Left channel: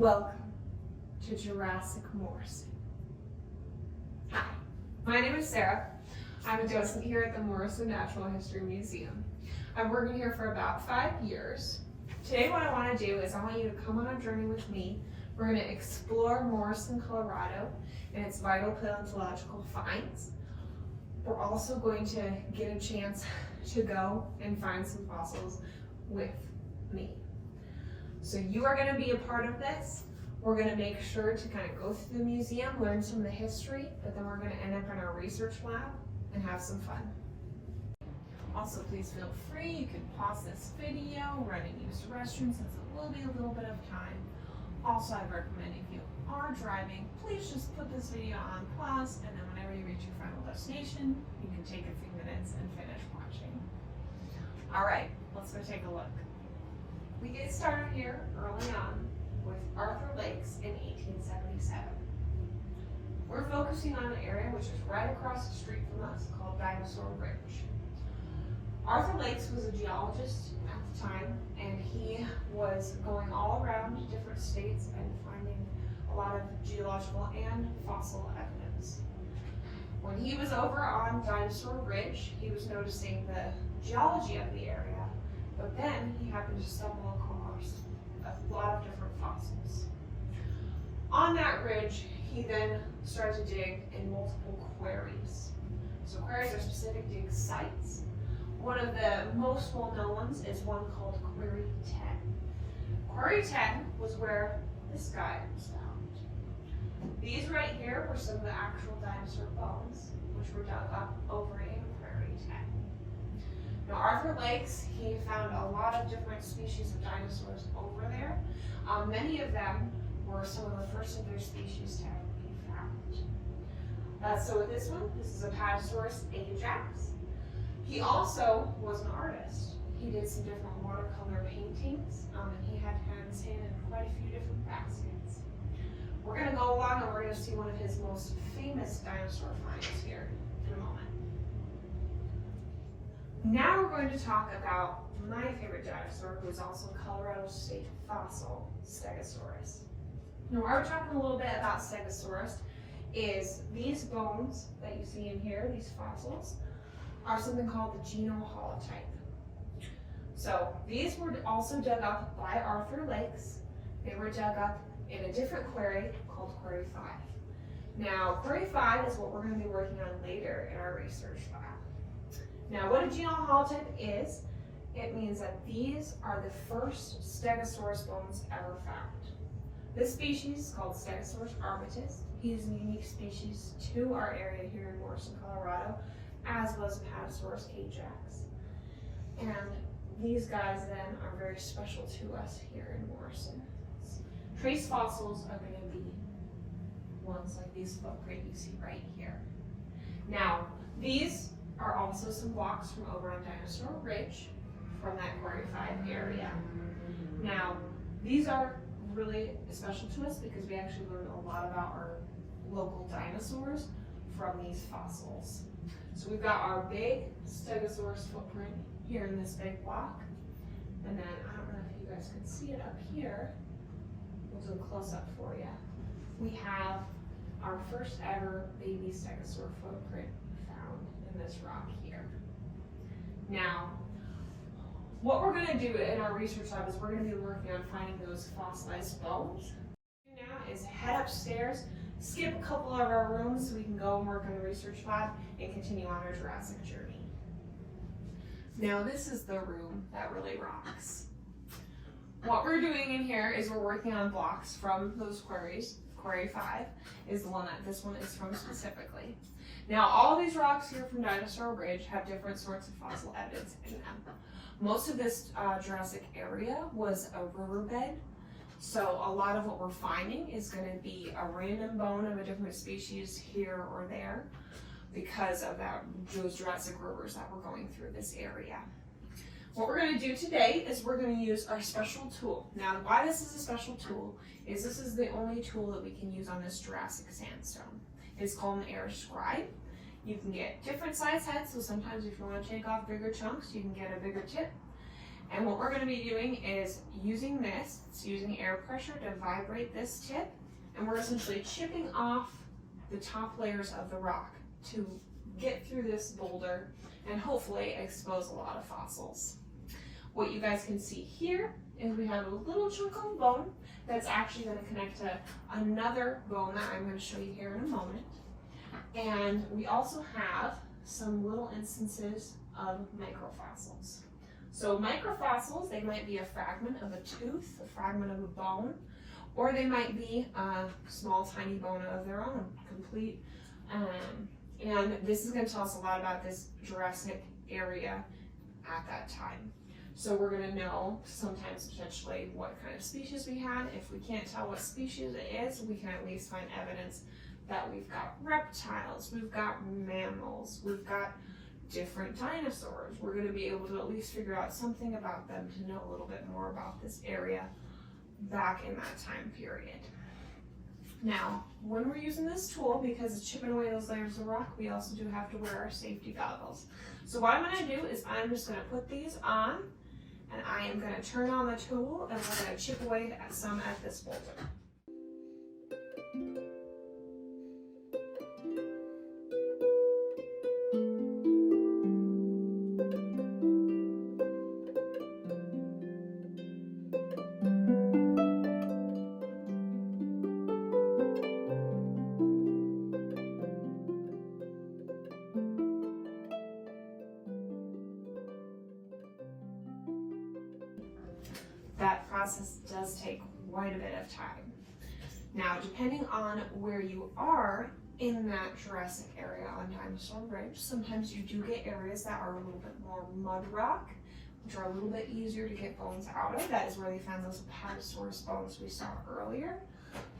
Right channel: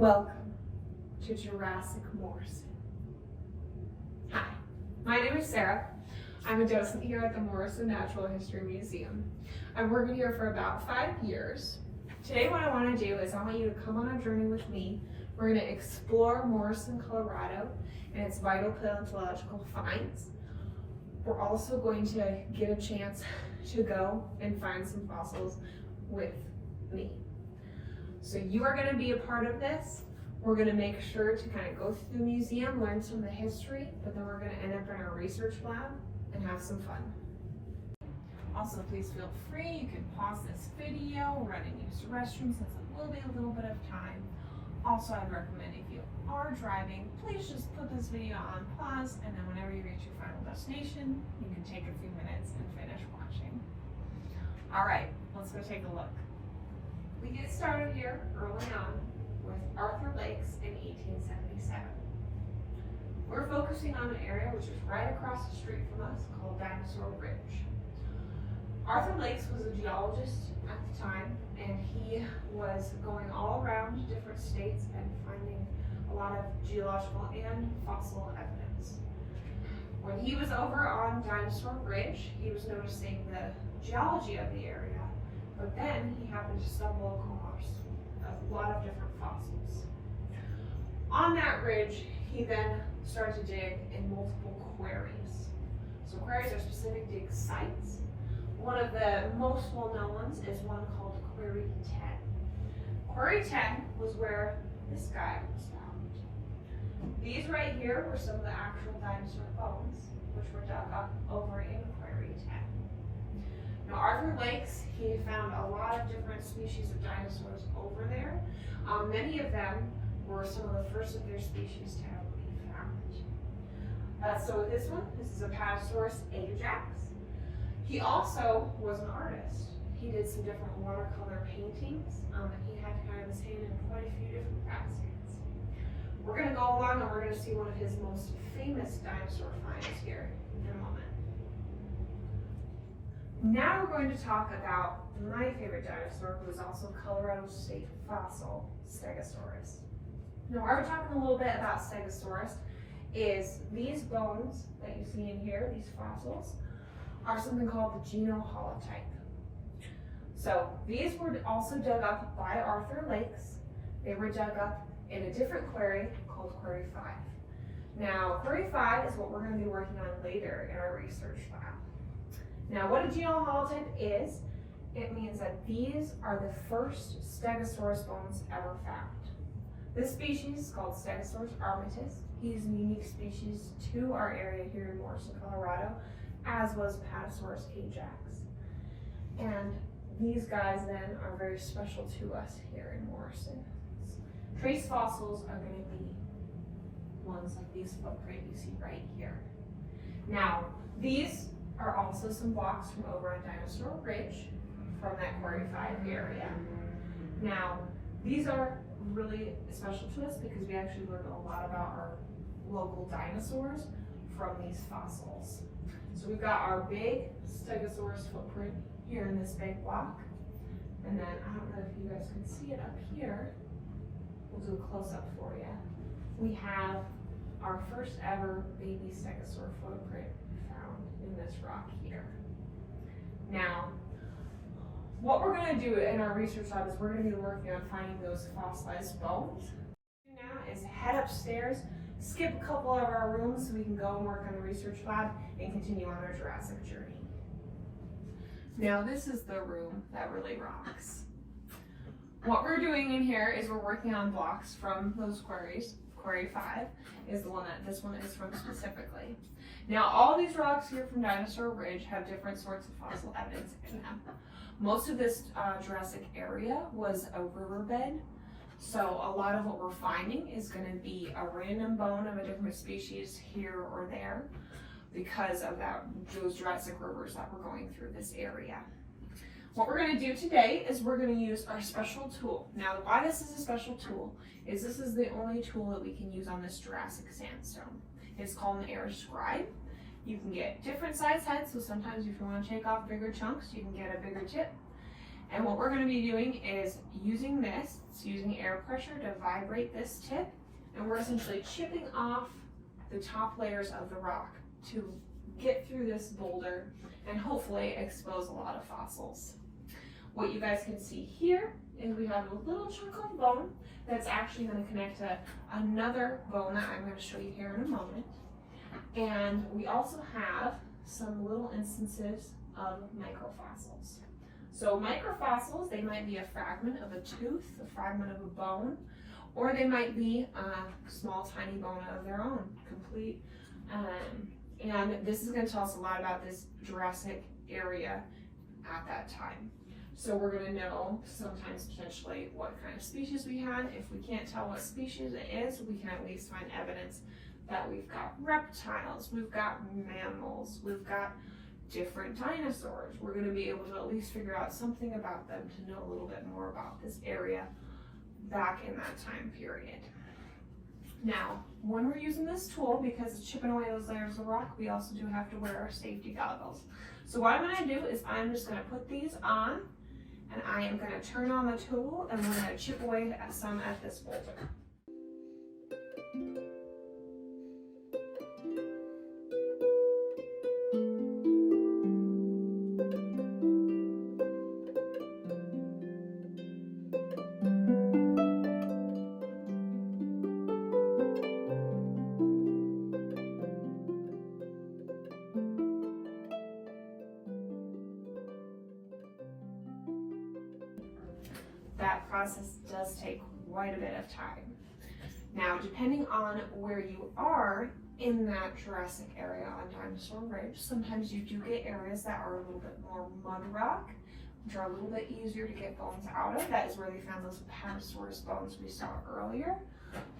Welcome to Jurassic Morrison. Hi, my name is Sarah. I'm a docent here at the Morrison Natural History Museum. I've worked here for about 5 years. Today what I want to do is I want you to come on a journey with me. We're going to explore Morrison, Colorado and its vital paleontological finds. We're also going to get a chance to go and find some fossils with me. So you are going to be a part of this. We're going to make sure to kind of go through the museum, learn some of the history, but then we're going to end up in our research lab and have some fun. Also, please feel free, you can pause this video, run and use the restroom since it will be a little bit of time. Also, I'd recommend if you are driving, please just put this video on pause, and then whenever you reach your final destination, you can take a few minutes and finish watching. All right, let's go take a look. We get started here early on with Arthur Lakes in 1877. We're focusing on an area which is right across the street from us called Dinosaur Ridge. Arthur Lakes was a geologist at the time, and he was going all around different states and finding a lot of geological and fossil evidence. When he was over on Dinosaur Ridge, he was noticing the geology of the area, but then he happened to stumble across a lot of different fossils. On that ridge, he then started to dig in multiple quarries. So quarries are specific dig sites. One of the most well-known ones is one called Quarry 10. Quarry 10 was where this guy was found. These right here were some of the actual dinosaur bones, which were dug up over in Quarry 10. Now, Arthur Lakes, he found a lot of different species of dinosaurs over there. Many of them were some of the first of their species to ever be found. So with this one, this is a Apatosaurus ajax. He also was an artist. He did some different watercolor paintings, and he had his hand in quite a few different baskets. We're going to go along and we're going to see one of his most famous dinosaur finds here in a moment. Now we're going to talk about my favorite dinosaur, who is also Colorado State fossil, Stegosaurus. Now, where we're talking a little bit about Stegosaurus is these bones that you see in here, these fossils, are something called the genoholotype. So these were also dug up by Arthur Lakes. They were dug up in a different quarry called Quarry 5. Now, Quarry 5 is what we're going to be working on later in our research lab. Now, what a genoholotype is, it means that these are the first Stegosaurus bones ever found. This species is called Stegosaurus armatus. He is a unique species to our area here in Morrison, Colorado, as was Apatosaurus ajax. And these guys then are very special to us here in Morrison. Trace fossils are going to be ones like these footprint you see right here. Now, these are also some blocks from over on Dinosaur Ridge from that Quarry 5 area. Now, these are really special to us because we actually learned a lot about our local dinosaurs from these fossils. So we've got our big Stegosaurus footprint here in this big block. And then, I don't know if you guys can see it up here. We'll do a close-up for you. We have our first ever baby Stegosaur footprint found in this rock here. Now, what we're going to do in our research lab is we're going to be working on finding those fossilized bones. Now is head upstairs, skip a couple of our rooms so we can go and work in the research lab and continue on our Jurassic journey. Now this is the room that really rocks. What we're doing in here is we're working on blocks from those quarries. Quarry 5 is the one that this one is from specifically. Now all these rocks here from Dinosaur Ridge have different sorts of fossil evidence in them. Most of this Jurassic area was a riverbed, so a lot of what we're finding is going to be a random bone of a different species here or there because of those Jurassic rivers that were going through this area. What we're going to do today is we're going to use our special tool. Now, why this is a special tool is this is the only tool that we can use on this Jurassic sandstone. It's called an air scribe. You can get different size heads, so sometimes if you want to take off bigger chunks, you can get a bigger tip. And what we're going to be doing is using this, it's using air pressure to vibrate this tip, and we're essentially chipping off the top layers of the rock to get through this boulder and hopefully expose a lot of fossils. What you guys can see here is we have a little chunk of bone that's actually going to connect to another bone that I'm going to show you here in a moment. And we also have some little instances of microfossils. So microfossils, they might be a fragment of a tooth, a fragment of a bone, or they might be a small tiny bone of their own, complete. And this is going to tell us a lot about this Jurassic area at that time. So we're going to know sometimes potentially what kind of species we had. If we can't tell what species it is, we can at least find evidence that we've got reptiles, we've got mammals, we've got different dinosaurs. We're going to be able to at least figure out something about them to know a little bit more about this area back in that time period. Now, when we're using this tool, because it's chipping away those layers of rock, we also do have to wear our safety goggles. So what I'm going to do is I'm just going to put these on, and I am going to turn on the tool, and we're going to chip away at some at this boulder. That process does take quite a bit of time. Now, depending on where you are in that Jurassic area on Dinosaur Ridge, sometimes you do get areas that are a little bit more mud rock, which are a little bit easier to get bones out of. That is where they found those Paleosaurus bones we saw earlier.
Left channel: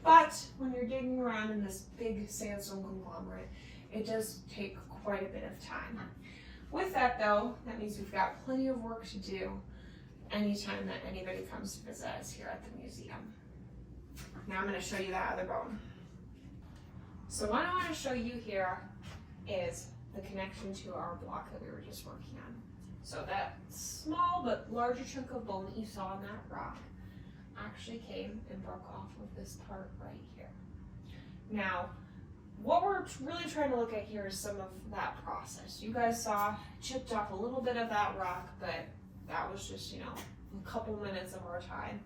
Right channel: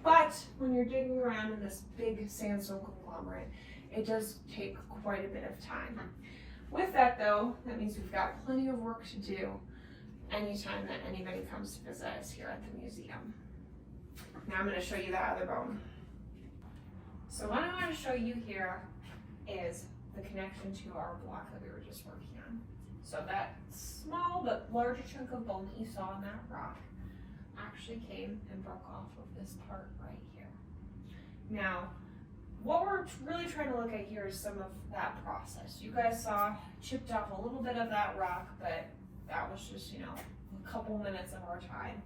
But when you're digging around in this big sandstone conglomerate, it does take quite a bit of time. With that though, that means we've got plenty of work to do anytime that anybody comes to visit us here at the museum. Now I'm going to show you that other bone. So what I want to show you here is the connection to our block that we were just working on. So that small but larger chunk of bone that you saw on that rock actually came and broke off of this part right here. Now, what we're really trying to look at here is some of that process. You guys saw chipped off a little bit of that rock, but that was just, a couple minutes of our time.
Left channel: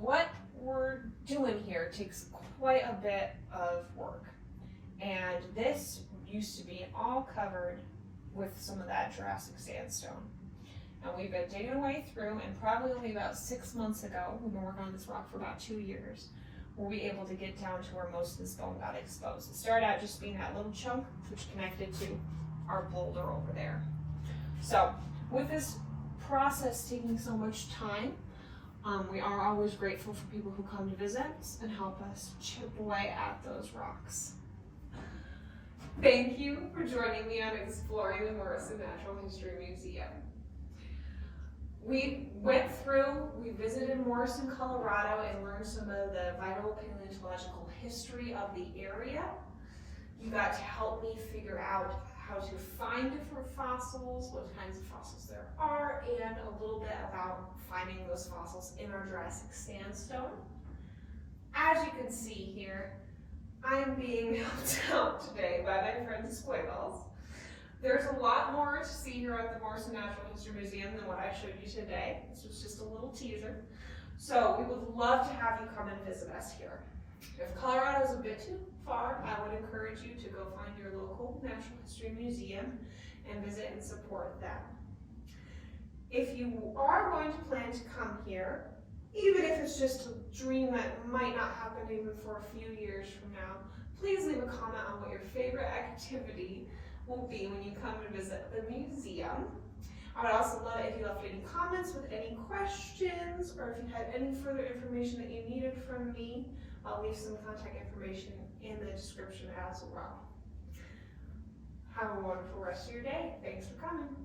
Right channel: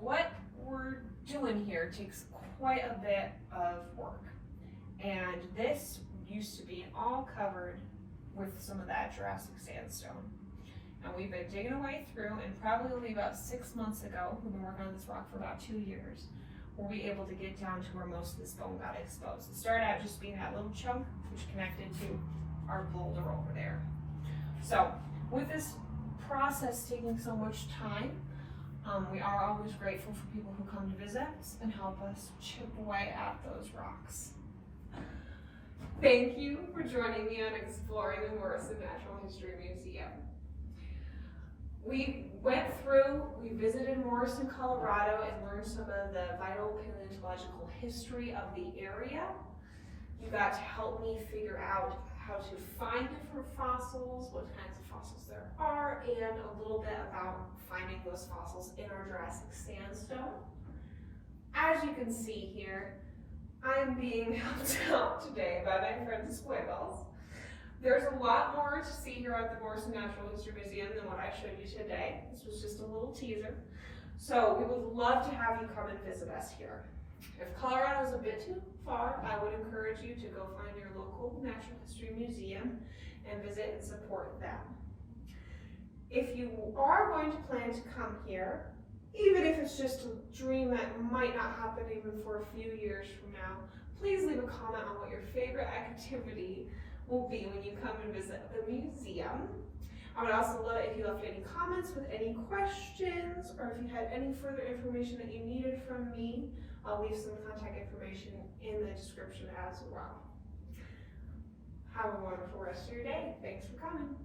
What we're doing here takes quite a bit of work. And this used to be all covered with some of that Jurassic sandstone. And we've been digging away through, and probably only about 6 months ago, we've been working on this rock for about 2 years, we'll be able to get down to where most of this bone got exposed. It started out just being that little chunk, which connected to our boulder over there. So, with this process taking so much time, we are always grateful for people who come to visit us and help us chip away at those rocks. Thank you for joining me on exploring the Morrison Natural History Museum. We visited Morrison, Colorado, and learned some of the vital paleontological history of the area. You got to help me figure out how to find different fossils, what kinds of fossils there are, and a little bit about finding those fossils in our Jurassic sandstone. As you can see here, I'm being helped out today by my friend Squiggles. There's a lot more to see here at the Morrison Natural History Museum than what I showed you today. This was just a little teaser. So we would love to have you come and visit us here. If Colorado is a bit too far, I would encourage you to go find your local Natural History Museum and visit and support them. If you are going to plan to come here, even if it's just a dream that might not happen even for a few years from now, please leave a comment on what your favorite activity will be when you come and visit the museum. I would also love it if you left any comments with any questions, or if you had any further information that you needed from me. I'll leave some contact information in the description as well. Have a wonderful rest of your day. Thanks for coming.